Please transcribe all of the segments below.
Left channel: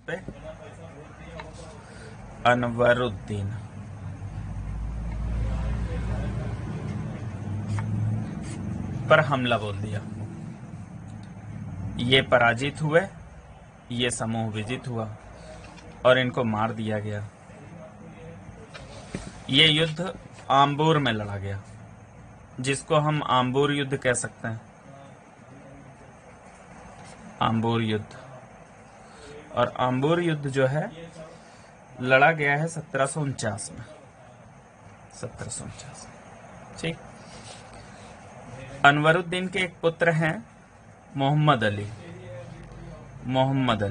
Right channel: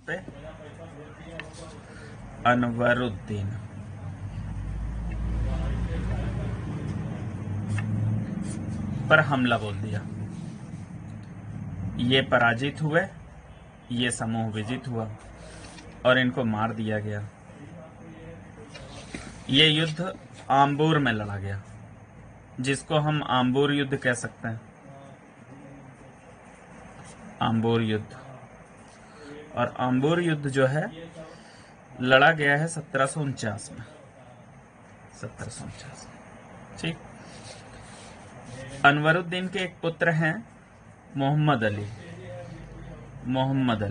पे अनवरुद्दीन पर हमला बोल दिया। ये पराजित हुए, ये समूह विजित हुआ और इनको मार दिया गया। ये युद्ध आम्बूर में लड़ा गया, जिसको हम आम्बूर युद्ध कह सकते हैं। आम्बूर युद्ध, और आम्बूर युद्ध जो है लड़ा गया है 1749 में। 1749। ठीक। अनवरुद्दीन के एक पुत्र हैं मोहम्मद अली। मोहम्मद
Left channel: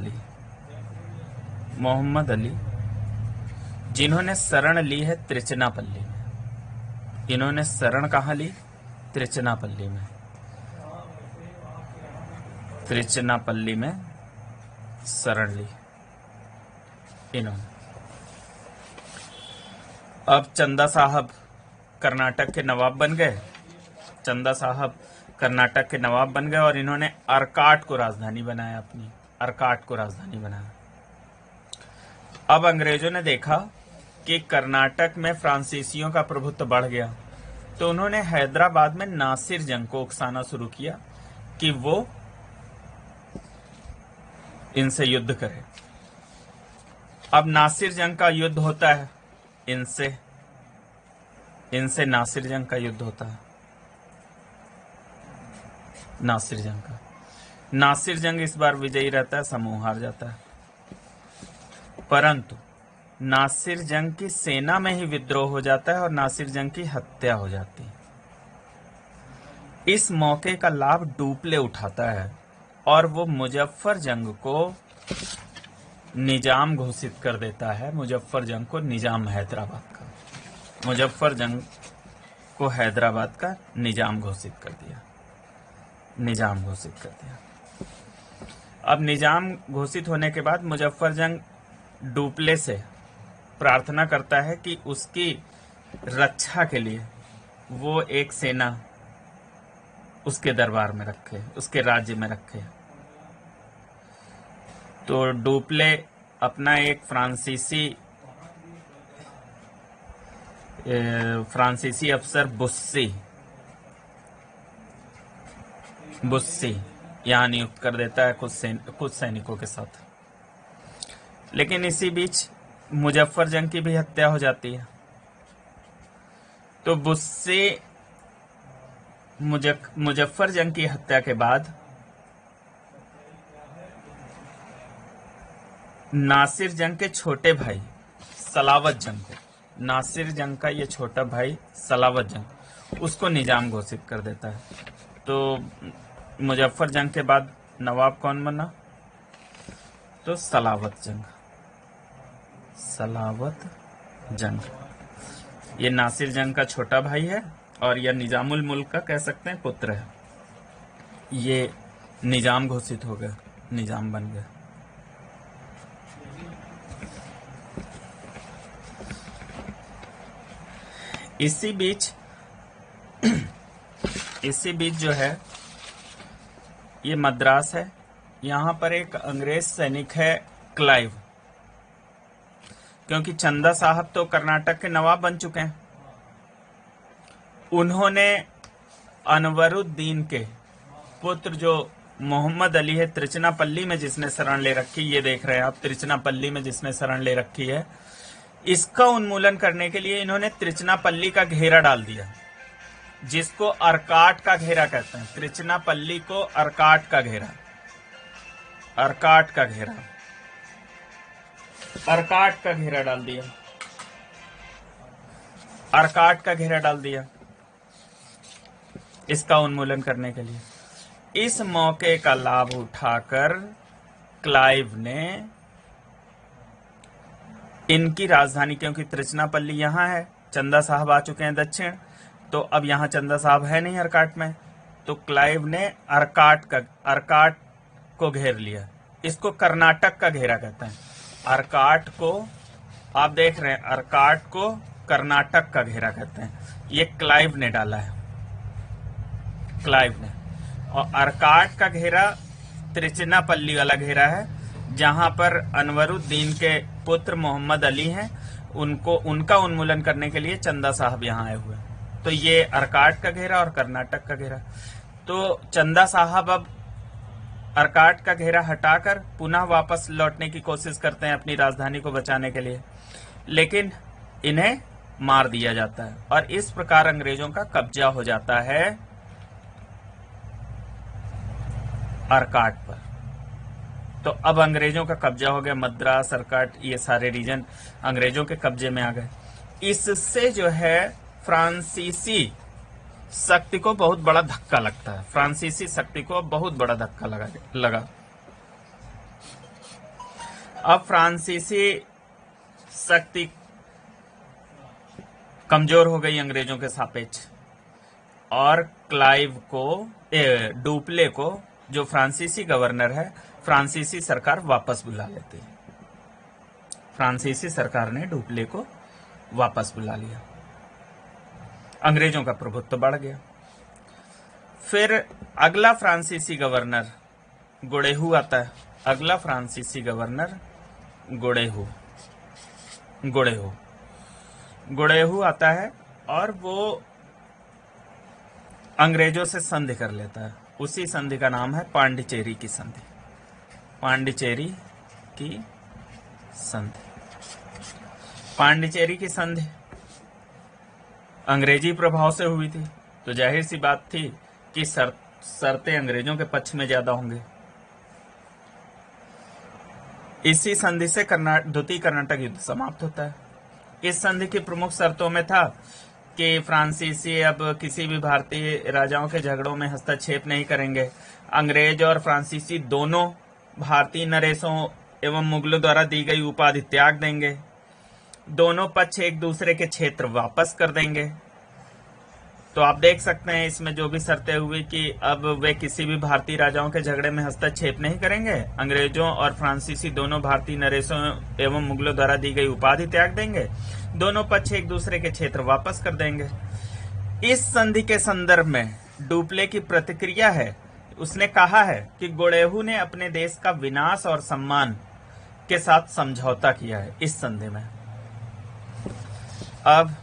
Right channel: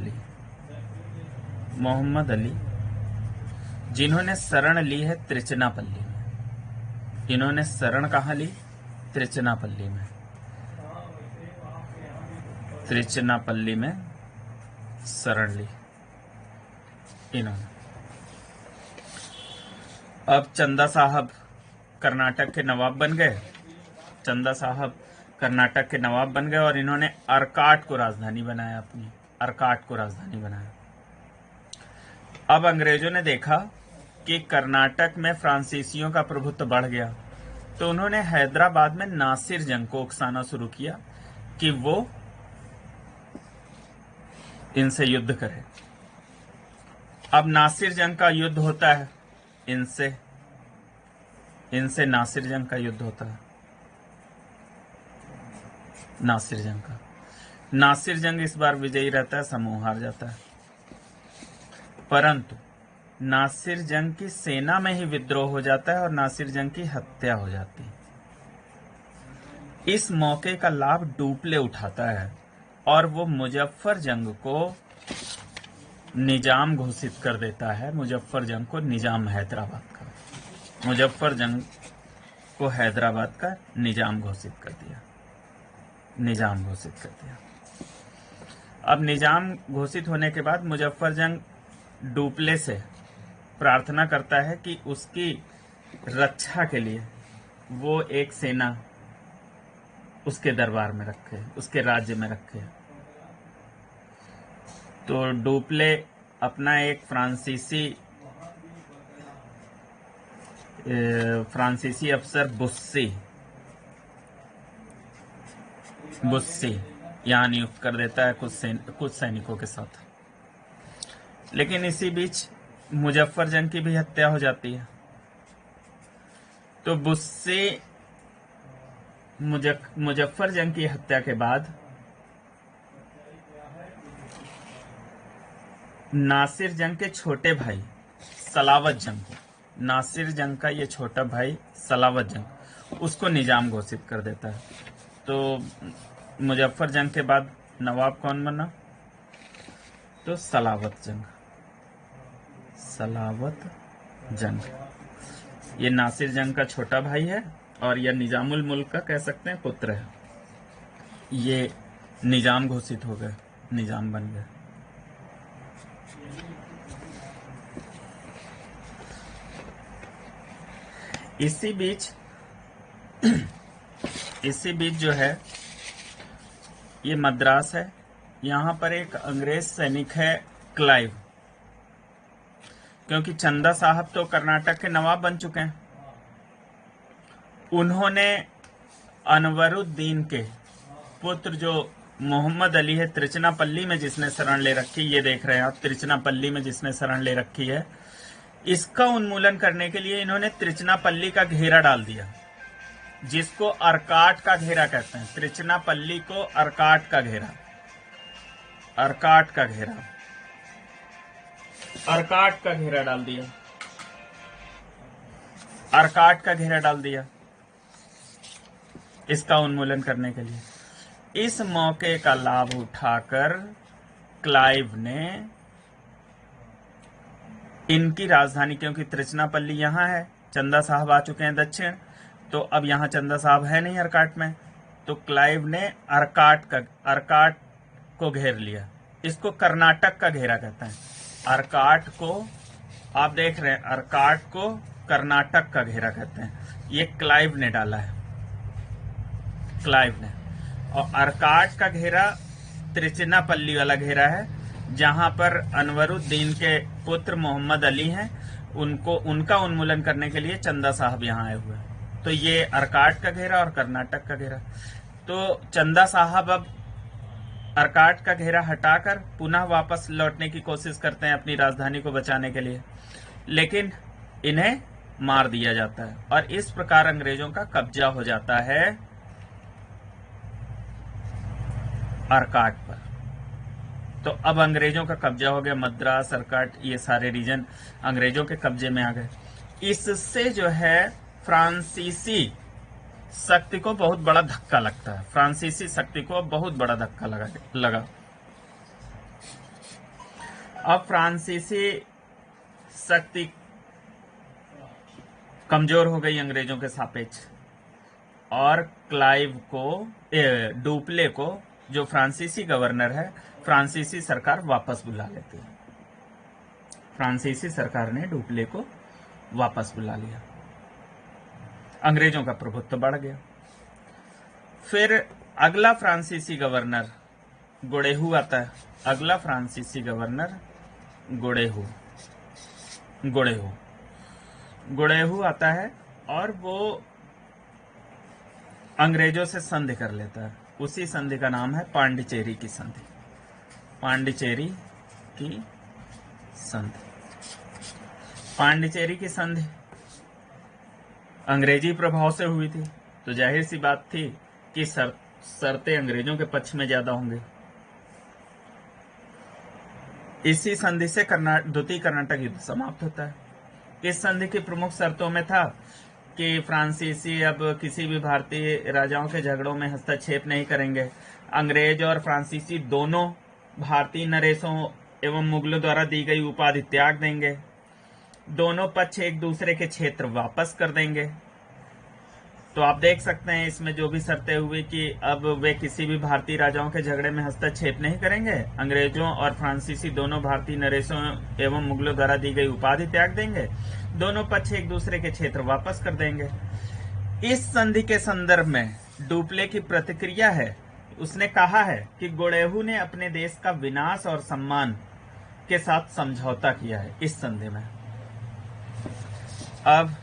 अली जिन्होंने शरण ली है त्रिचनापल्ली में। इन्होंने शरण कहाँ ली? त्रिचनापल्ली में। त्रिचनापल्ली में शरण ली इन्होंने। अब चंदा साहब कर्नाटक के नवाब बन गए। चंदा साहब कर्नाटक के नवाब बन गए और इन्होंने अर्काट को राजधानी बनाया, अपनी अर्काट को राजधानी बनाया। अब अंग्रेजों ने देखा कि कर्नाटक में फ्रांसीसियों का प्रभुत्व बढ़ गया, तो उन्होंने हैदराबाद में नासिर जंग को उकसाना शुरू किया कि वो इनसे युद्ध करे। अब नासिर जंग का युद्ध होता है इनसे नासिर जंग का युद्ध होता है। नासिर जंग इस बार विजयी रहता है, समूह हार जाता है। परंतु नासिर जंग की सेना में ही विद्रोह हो जाता है और नासिर जंग की हत्या हो जाती है। इस मौके का लाभ डुप्ले उठाता है और वो मुजफ्फर जंग को निजाम घोषित कर देता है। मुजफ्फर जंग को निजाम हैदराबाद का, मुजफ्फर जंग को हैदराबाद का निजाम घोषित कर दिया। अब निजाम घोषित होने के बाद मुजफ्फर जंग डुप्ले से प्रार्थना करता है कि उसकी रक्षा के लिए वो एक सेना उसके दरबार में रखे, उसके राज्य में रखे। तो डुप्ले अपना एक फ्रांसीसी अफसर बुस्सी यहाँ नियुक्त कर देता है कुछ सैनिकों के साथ। लेकिन इसी बीच मुजफ्फर जंग की भी हत्या हो जाती है। तो बुस्सी मुजफ्फर जंग की हत्या के बाद नासिर जंग के छोटे भाई सलावत जंग को, नासिर जंग का ये छोटा भाई सलावत जंग, उसको निजाम घोषित कर देता है। तो मुजफ्फर जंग के बाद नवाब कौन बना? तो सलावत जंग। ये नासिर जंग का छोटा भाई है और यह निजामुल मुल्क का कह सकते हैं पुत्र है। ये निजाम घोषित हो गए, निजाम बन गए। इसी बीच जो है ये मद्रास है। यहां पर एक अंग्रेज सैनिक है क्लाइव, क्योंकि चंदा साहब तो कर्नाटक के नवाब बन चुके हैं। उन्होंने अनवरुद्दीन के पुत्र जो मोहम्मद अली है, त्रिचनापल्ली में जिसने शरण ले रखी, ये देख रहे हैं आप, त्रिचनापल्ली में जिसने शरण ले रखी है, इसका उन्मूलन करने के लिए इन्होंने त्रिचनापल्ली का घेरा डाल दिया, जिसको अर्काट का घेरा कहते हैं। त्रिचनापल्ली को अर्काट का घेरा डाल दिया इसका उन्मूलन करने के लिए। इस मौके का लाभ उठाकर क्लाइव ने इनकी राजधानी, क्योंकि त्रिचनापल्ली यहां है, चंदा साहब आ चुके हैं दक्षिण, तो अब यहां चंदा साहब है नहीं अर्काट में, तो क्लाइव ने अर्काट को घेर लिया। इसको कर्नाटक का घेरा कहते हैं। अर्काट को आप देख रहे हैं, अर्काट को कर्नाटक का घेरा कहते हैं। ये क्लाइव ने डाला है, और अर्काट का घेरा त्रिचनापल्ली वाला घेरा है, जहां पर अनवरुद्दीन के पुत्र मोहम्मद अली हैं, उनका उन्मूलन करने के लिए चंदा साहब यहाँ आए हुए हैं। तो ये अर्काट का घेरा और कर्नाटक का घेरा। तो चंदा साहब अब अर्काट का घेरा हटाकर पुनः वापस लौटने की कोशिश करते हैं अपनी राजधानी को बचाने के लिए, लेकिन इन्हें मार दिया जाता है और इस प्रकार अंग्रेजों का कब्जा हो जाता है अर्काट पर। तो अब अंग्रेजों का कब्जा हो गया, मद्रास, अर्काट, ये सारे रीजन अंग्रेजों के कब्जे में आ गए। इससे जो है फ्रांसीसी शक्ति को बहुत बड़ा धक्का लगता है। फ्रांसीसी शक्ति को बहुत बड़ा धक्का लगा। अब फ्रांसीसी शक्ति कमजोर हो गई अंग्रेजों के सापेक्ष और क्लाइव को, डुप्ले को, जो फ्रांसीसी गवर्नर है, फ्रांसीसी सरकार वापस बुला लेती है। फ्रांसीसी सरकार ने डुप्ले को वापस बुला लिया। अंग्रेजों का प्रभुत्व बढ़ गया। फिर अगला फ्रांसीसी गवर्नर गोड़ेहू आता है। अगला फ्रांसीसी गवर्नर गोड़ेहू आता है और वो अंग्रेजों से संधि कर लेता है। उसी संधि का नाम है पांडिचेरी की संधि। पांडिचेरी की संधि। पांडिचेरी की संधि अंग्रेजी प्रभाव से हुई थी, तो जाहिर सी बात थी कि शर्तें अंग्रेजों के पक्ष में ज्यादा होंगे। इसी संधि से द्वितीय कर्नाटक युद्ध समाप्त होता है। इस संधि की प्रमुख शर्तों में था कि फ्रांसीसी अब किसी भी भारतीय राजाओं के झगड़ों में हस्तक्षेप नहीं करेंगे। अंग्रेज और फ्रांसीसी दोनों भारतीय नरेशों एवं मुगलों द्वारा दी गई उपाधि त्याग देंगे। दोनों पक्ष एक दूसरे के क्षेत्र वापस कर देंगे। तो आप देख सकते हैं इसमें जो भी शर्तें हुई कि अब वे किसी भी भारतीय राजाओं के झगड़े में हस्तक्षेप नहीं करेंगे। अंग्रेजों और फ्रांसीसी दोनों भारतीय नरेशों एवं मुगलों द्वारा दी गई उपाधि त्याग देंगे। दोनों पक्ष एक दूसरे के क्षेत्र वापस कर देंगे। इस संधि के संदर्भ में डुप्ले की प्रतिक्रिया है, उसने कहा है कि गोड़ेहू ने अपने देश का विनाश और सम्मान के साथ समझौता किया है इस संधि में। अब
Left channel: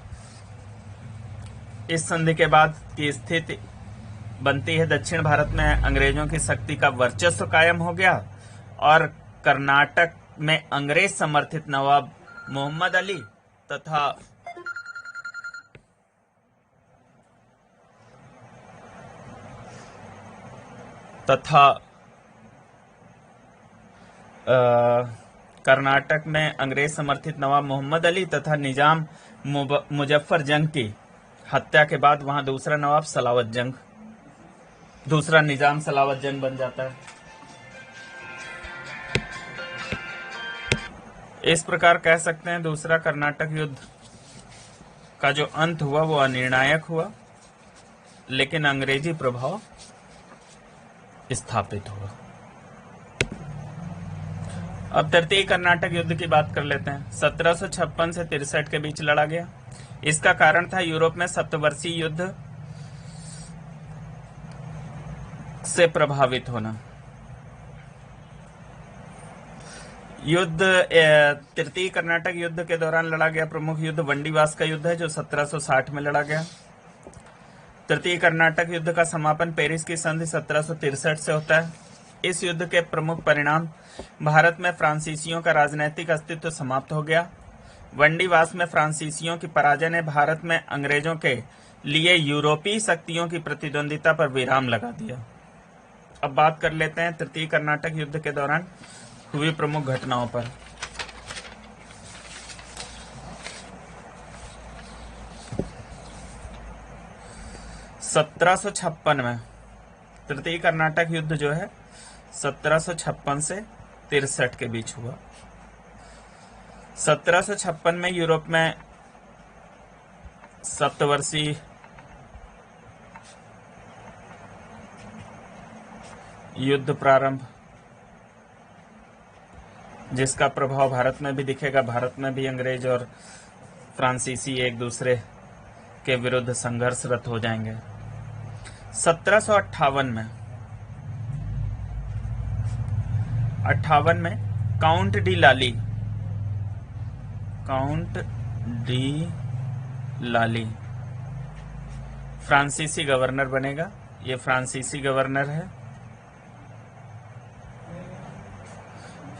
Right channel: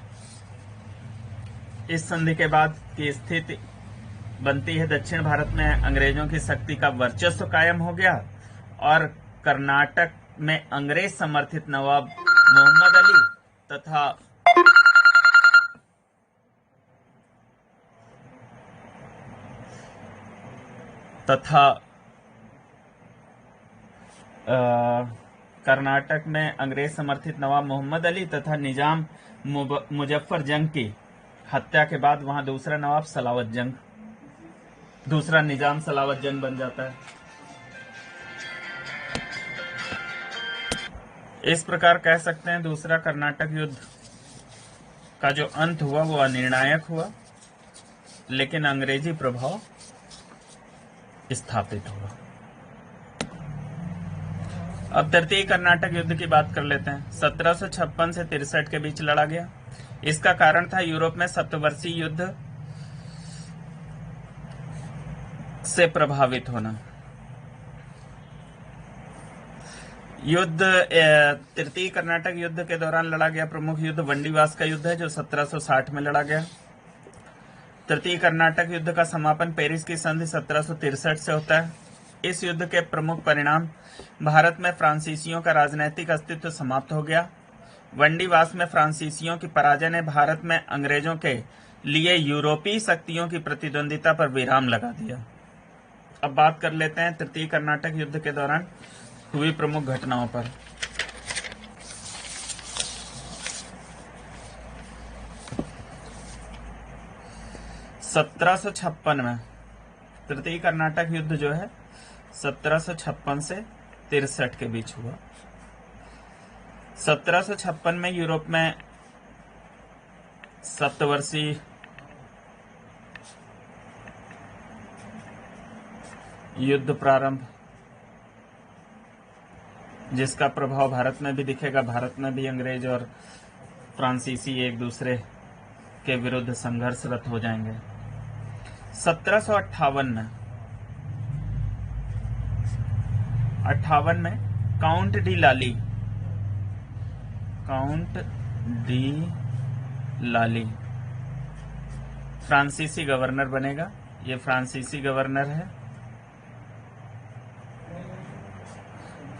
इस संधि के बाद की स्थिति बनती है, दक्षिण भारत में अंग्रेजों की शक्ति का वर्चस्व कायम हो गया और कर्नाटक में अंग्रेज समर्थित नवाब मोहम्मद अली तथा कर्नाटक में अंग्रेज समर्थित नवाब मोहम्मद अली तथा निजाम मुजफ्फर जंग की हत्या के बाद वहां दूसरा निजाम सलावत जंग बन जाता है। इस प्रकार कह सकते हैं दूसरा कर्नाटक युद्ध का जो अंत हुआ वो अनिर्णायक हुआ, लेकिन अंग्रेजी प्रभाव स्थापित हुआ। अब तृतीय कर्नाटक युद्ध की बात कर लेते हैं। 1756 से 63 के बीच लड़ा गया। इसका कारण था यूरोप में सप्तवर्षीय युद्ध से प्रभावित होना। युद्ध तृतीय कर्नाटक युद्ध के दौरान लड़ा गया प्रमुख युद्ध वंडीवास का युद्ध है, जो 1760 में लड़ा गया। तृतीय कर्नाटक युद्ध का समापन पेरिस की संधि 1763 से होता है। इस युद्ध के प्रमुख परिणाम भारत में फ्रांसीसियों का राजनैतिक अस्तित्व समाप्त हो गया। वंडीवास में फ्रांसीसियों की पराजय ने भारत में अंग्रेजों के लिए यूरोपीय शक्तियों की प्रतिद्वंदिता पर विराम लगा दिया। अब बात कर लेते हैं तृतीय कर्नाटक युद्ध के दौरान हुई प्रमुख घटनाओं पर। (1756) में तृतीय कर्नाटक युद्ध जो है 1756 से 63 के बीच हुआ। 1756 में यूरोप में सप्तवर्षीय युद्ध प्रारंभ, जिसका प्रभाव भारत में भी दिखेगा। भारत में भी अंग्रेज और फ्रांसीसी एक दूसरे के विरुद्ध संघर्षरत हो जाएंगे। 1758 में काउंट डी लाली, काउंट डी लाली फ्रांसीसी गवर्नर बनेगा। ये फ्रांसीसी गवर्नर है,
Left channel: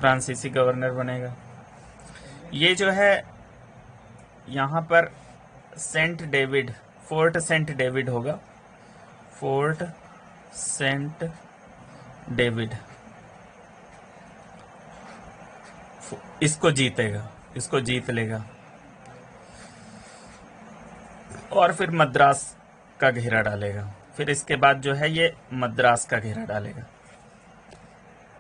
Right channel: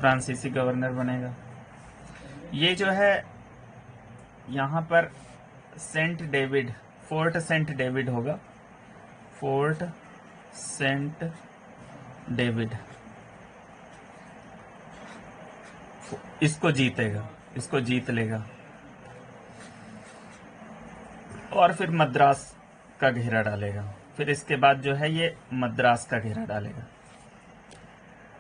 फ्रांसीसी गवर्नर बनेगा। ये जो है यहां पर Saint David, Fort Saint David होगा, फोर्ट सेंट डेविड, इसको जीतेगा, इसको जीत लेगा और फिर मद्रास का घेरा डालेगा। फिर इसके बाद जो है ये मद्रास का घेरा डालेगा,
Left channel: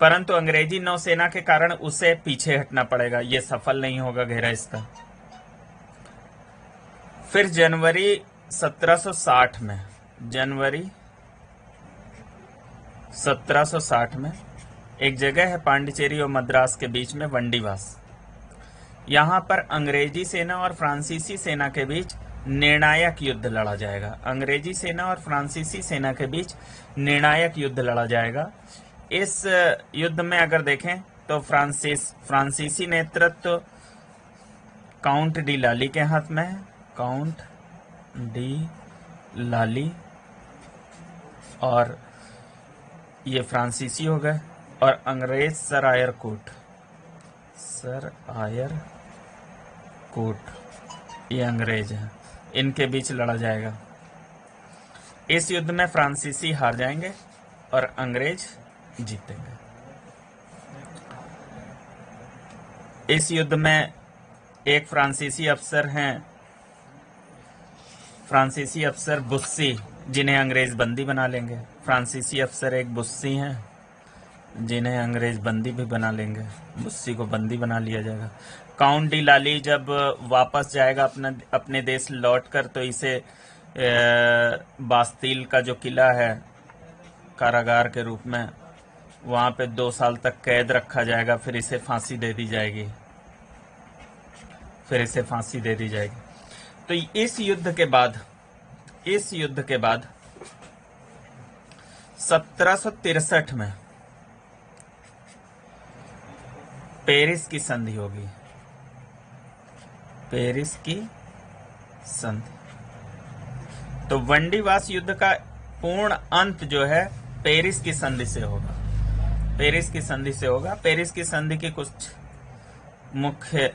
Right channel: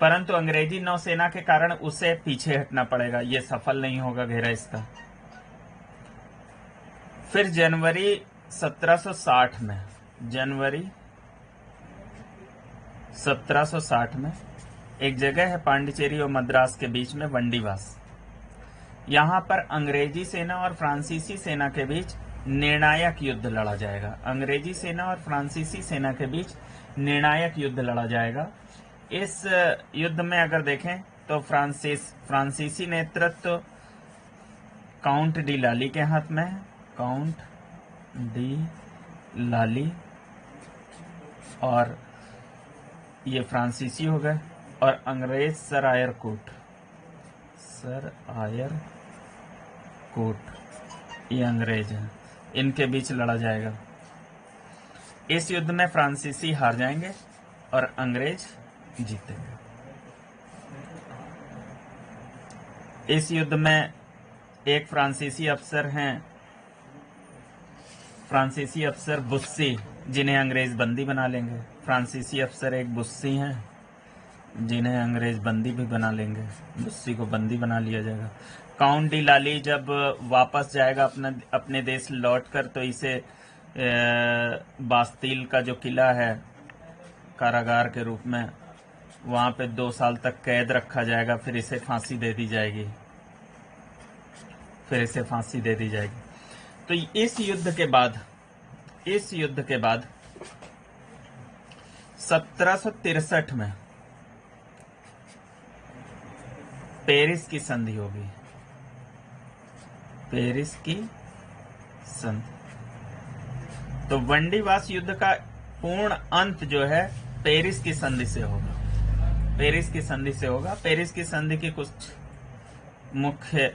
परंतु अंग्रेजी नौसेना के कारण उसे पीछे हटना पड़ेगा, ये सफल नहीं होगा घेरा इसका। फिर जनवरी 1760 में, जनवरी 1760 में एक जगह है पांडिचेरी और मद्रास के बीच में, वंडीवास। यहां पर अंग्रेजी सेना और फ्रांसीसी सेना के बीच निर्णायक युद्ध लड़ा जाएगा। अंग्रेजी सेना और फ्रांसीसी सेना के बीच निर्णायक युद्ध लड़ा जाएगा। इस युद्ध में अगर देखें तो फ्रांसीसी नेतृत्व काउंट डी लाली के हाथ में है, काउंट डी लाली, और ये फ्रांसीसी हो गए, और अंग्रेज सर आयर कोट, सर आयर कोट, ये अंग्रेज हैं, इनके बीच लड़ा जाएगा। इस युद्ध में फ्रांसीसी हार जाएंगे और अंग्रेज जीतेंगे। इस युद्ध में एक फ्रांसीसी अफसर हैं, फ्रांसीसी अफसर बुस्सी, जिन्हें अंग्रेज बंदी बना लेंगे। फ्रांसीसी अफसर एक बुस्सी हैं जिन्हें अंग्रेज बंदी भी बना लेंगे, बुस्सी को बंदी बना लिया जाएगा। काउंट डी लाली जब वापस जाएगा अपने देश लौटकर, तो इसे बास्तील का जो किला है कारागार के रूप में, वहां पे 2 साल तक कैद रखा जाएगा, फिर इसे फांसी दे दी जाएगी, फिर इसे फांसी दे दी जाएगी। तो इस युद्ध के बाद 1763 में पेरिस की संधि होगी, पेरिस की संधि। तो वंडीवास युद्ध का पूर्ण अंत जो है पेरिस की संधि से होगा, पेरिस की संधि से होगा। पेरिस की संधि के कुछ मुख्य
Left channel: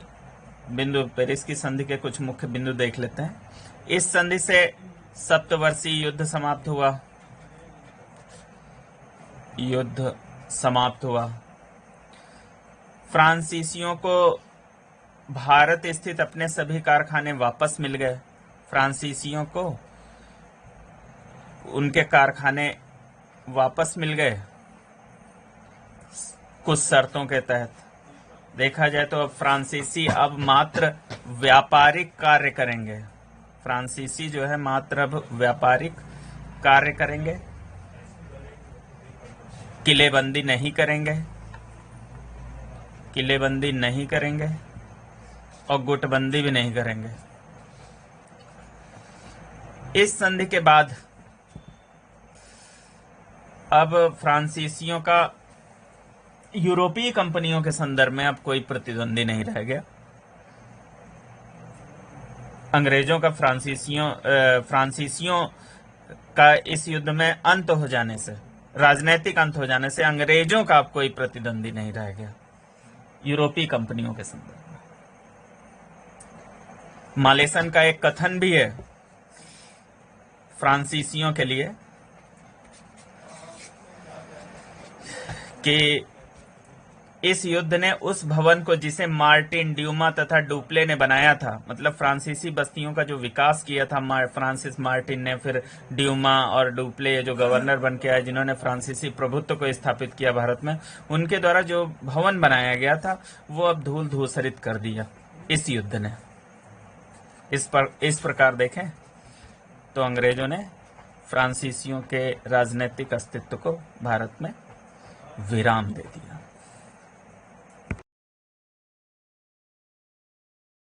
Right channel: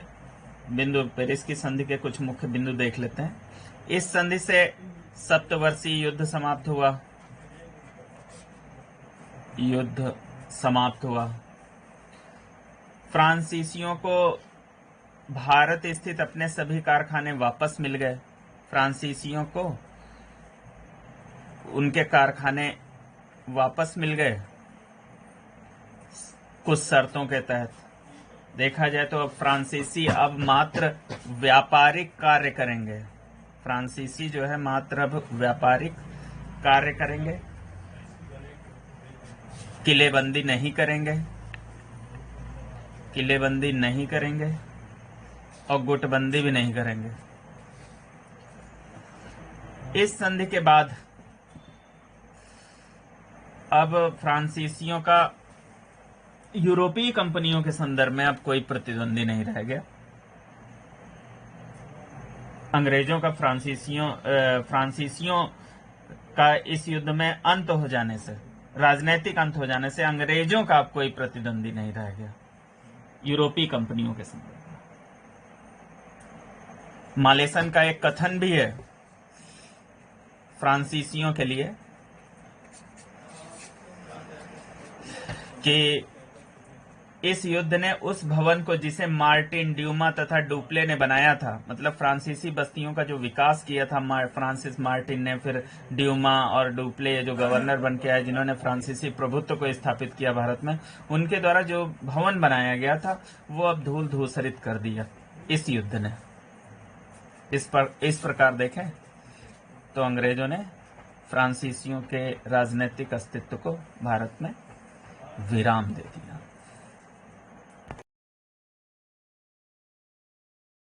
बिंदु, पेरिस की संधि के कुछ मुख्य बिंदु देख लेते हैं। इस संधि से सप्तवर्षीय युद्ध समाप्त हुआ, युद्ध समाप्त हुआ। फ्रांसीसियों को भारत स्थित अपने सभी कारखाने वापस मिल गए। फ्रांसीसियों को उनके कारखाने वापस मिल गए कुछ शर्तों के तहत। देखा जाए तो अब फ्रांसीसी अब मात्र व्यापारिक कार्य करेंगे, फ्रांसीसी जो है मात्र अब व्यापारिक कार्य करेंगे, किलेबंदी नहीं करेंगे, किलेबंदी नहीं करेंगे और गुटबंदी भी नहीं करेंगे। इस संधि के बाद अब फ्रांसीसियों का यूरोपीय कंपनियों के संदर्भ में अब कोई प्रतिद्वंदी नहीं रह गया। अंग्रेजों का फ्रांसीसियों का इस युद्ध में अंत हो जाने से, राजनीतिक अंत हो जाने से अंग्रेजों का अब कोई प्रतिद्वंदी नहीं रह गया यूरोपीय कंपनियों के संदर्भ में। मालेसन का एक कथन भी है फ्रांसीसियों के लिए कि इस युद्ध ने उस भवन को जिसे मार्टिन, ड्यूमा तथा डुप्ले ने बनाया था, मतलब फ्रांसीसी बस्तियों का जो विकास किया था फ्रांसिस मार्टिन ने, फिर ड्यूमा और डुप्ले जो गवर्नर बन के आए, जिन्होंने फ्रांसीसी प्रभुत्व को स्थापित किया भारत में, उनके द्वारा जो भवन बनाया गया था वो अब धूल धूसरित कर दिया इस युद्ध ने। इस प्रकार देखें तो अंग्रेजों ने फ्रांसीसियों के राजनीतिक अस्तित्व को भारत में विराम दे दिया।